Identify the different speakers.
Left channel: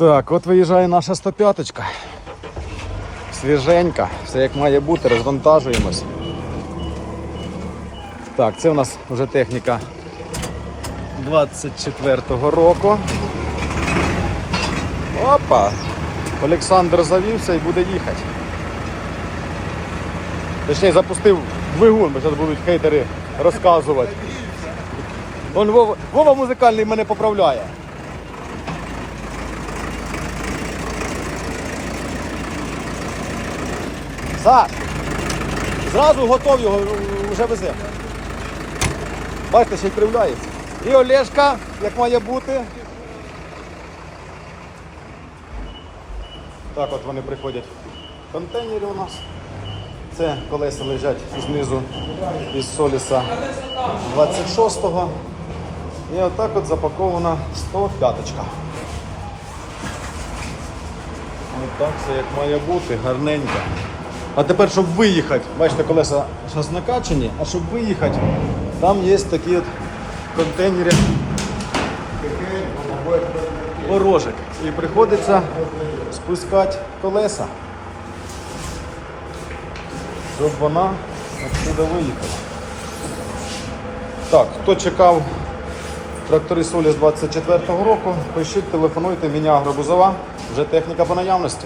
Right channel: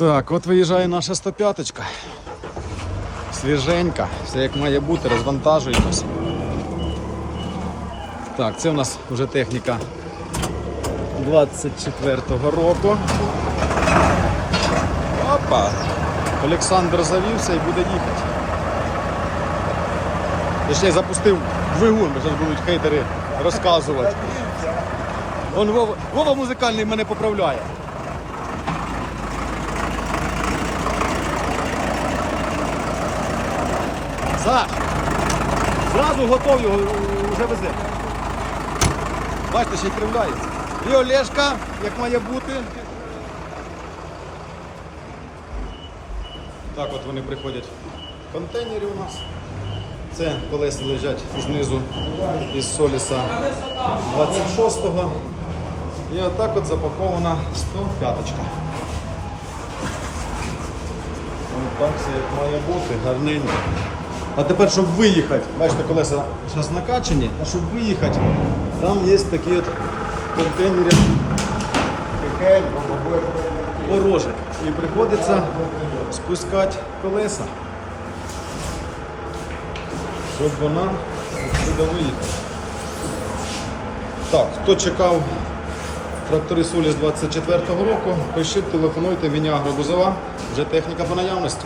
Speaker 1: Так, от виїжджає наша 105 Свіженька, все як має бути, розвантажуємось. Так, це у нас вже техніка 24-го року. Опа! Олександр завівся і буде їхати. Точніше запустив двигун, бо зараз будуть хейтери розказувати. Вова, Вова музикальний мене поправляє. Саш, зразу готов його вже везе. Бачите, ще й кривляється. І Олешка, як має бути. Так от вони приходять в контейнері у нас. Це колеса лежать знизу із Соліса 26-го. І отак от запакована 105 -очка. Ну, так все як має бути, гарненько. А тепер, щоб виїхати, бачите, колеса зараз накачані, а щоб виїхати, там є такі от контейнери порожек. І приходиться спускати колеса, щоб вона отсюди виїхала. Так, хто чекав трактори Соліс 24-го року, пишіть, телефонуйте, міня Агробузова, вже техніка по наявності.